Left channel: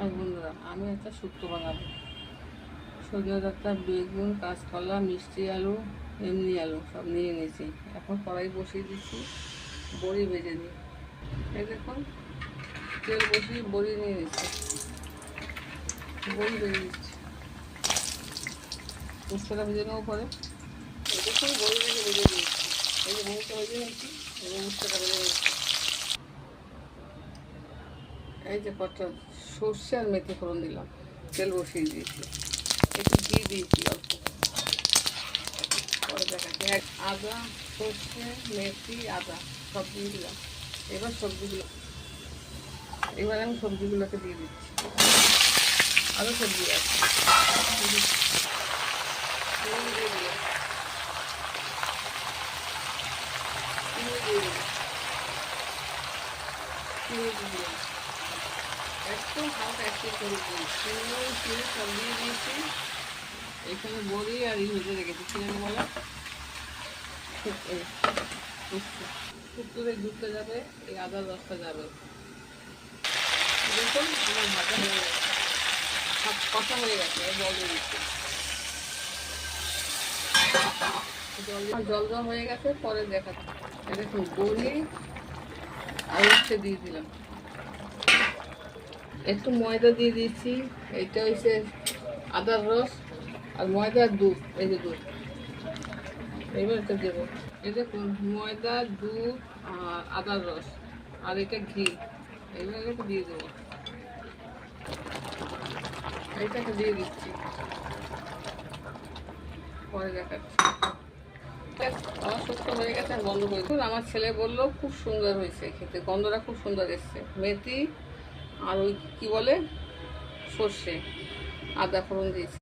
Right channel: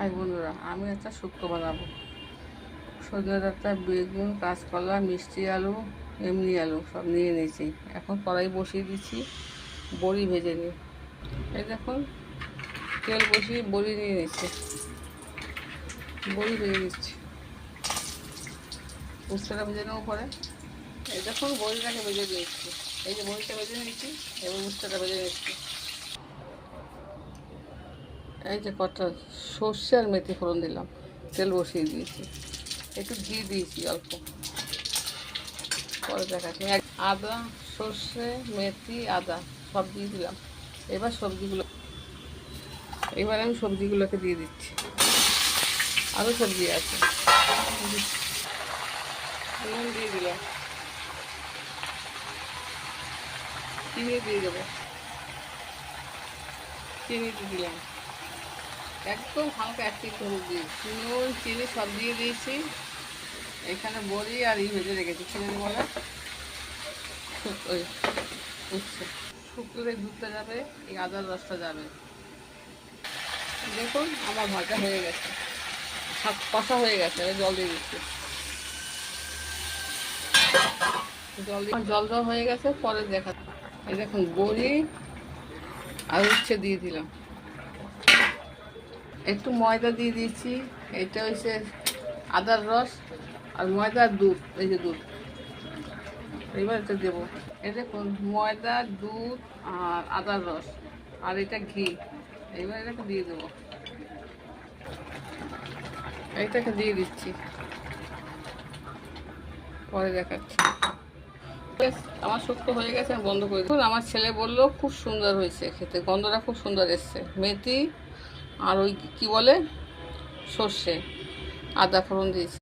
High বন্ধুরা, আমি একটা শুক্তো বানাবো। সজনে ডাঁটা, বেগুন, কাঁচকলা, মিষ্টি আলু, এমনি আলু সব নিয়ে নিয়েছি। এখন কড়াই বসিয়ে দিচ্ছি, বড়ি ভেজে নিই। এই দেখুন, তেল বসিয়ে বড়ি নিয়ে নিচ্ছি, বড়ি ভেজে নিচ্ছি। উচ্ছেটা ভেজে নেবো পরে। এই দেখুন, বড়িটাকে ভেজে দিয়েছি। এই যে বড়িটা ভেজে নিয়েছি এবং উচ্ছেটা ভেজে নিচ্ছি। এই যে কটা সর্ষে আর মেথি ফোড়ন দিলাম, তেল বসিয়ে দিয়েছি, একটু ঘি দিয়েছি অল্প, পরে দেখাচ্ছি। আদা, সর্ষে, মেথি, আদা সব দিয়ে দিলাম। এবার আমি সবজিগুলোকে দিয়ে দিচ্ছি। আরও সবজি আছে, দিয়ে দিলাম, চিনি দিয়ে দেবো, চিনি দিয়ে দিলাম, একদম হালকা একটু হলুদ দিয়েছি, চিনি সব দিয়ে দিয়েছি। এখানে বড়ি আর ভেজে রেখেছি, চিনি বলে ওই উঠছে। শুক্তোতে ঢুকতে যাবে, এই আদার রসটা যাবে। দেখুন, আমার ভাজা হয়ে গেছে, সব কষা হয়ে গেছে। জল দিয়ে দিচ্ছি, জল দেওয়া হয়ে গেছে, পরে দেখাচ্ছি। এই দেখুন, বড়ি আর উচ্ছে দিয়ে দিলাম, একটু ময়দা দিয়ে দিয়েছি। এটা হচ্ছে আদার রস আর ময়দা আর দুধ, এই যে দুধ, এইবার এটা দেবো। এই দেখুন, ময়দা, দুধ আর আদার রস আর এটা ঘি, এইবার এটাকে দিয়ে দেবো। এইটাকে দিয়ে দিচ্ছি, পরে দেখাচ্ছি। আমার শুক্তো হয়ে গেছে, আমি বন্ধ করে দিই। আমার ছেলে বললো খুব সুন্দর হয়েছে খেতে, গন্ধটা খুব সুন্দর এসছে। মেথি আর ওই কি বলে সর্ষে, আদা ফোড়ন দিয়েছি।